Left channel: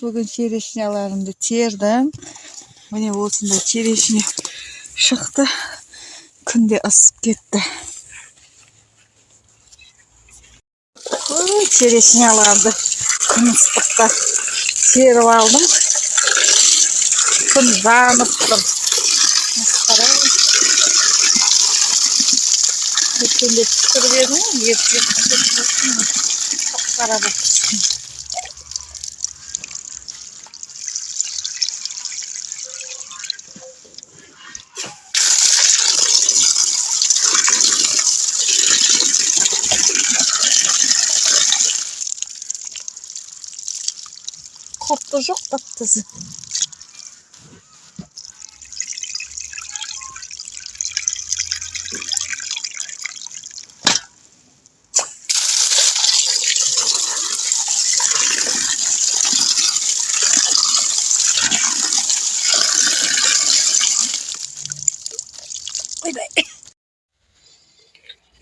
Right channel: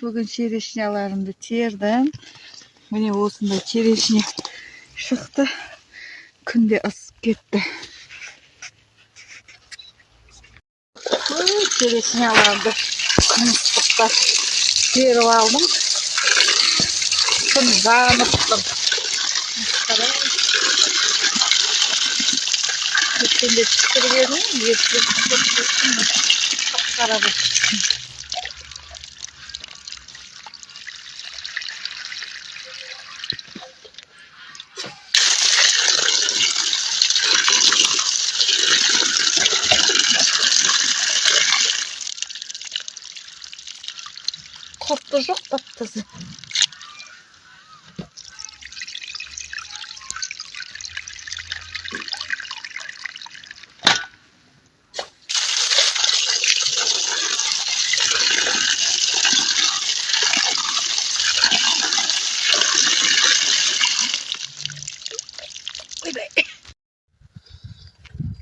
Bugün черешняларымды тердім. Міне осындай черешня шықты. Күнде ысып кетті. Черешняларды ыстықта теріп алдым. Күн жанып тұр. Өткенде пісіріп едім, ерте пісіріп қара болып піскен. Koptu жоқ таптысы.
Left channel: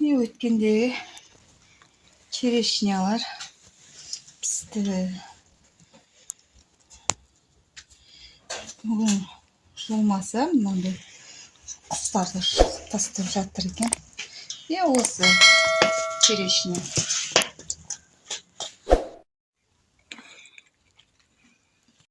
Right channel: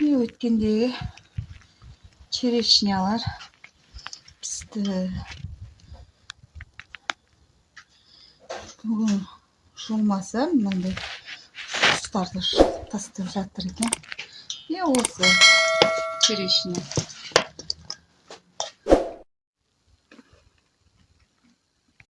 Ne өткенде черешнялар пісті. Бүгін жумаса мынандай құстарды тастап жатыр екен. Осы черешня.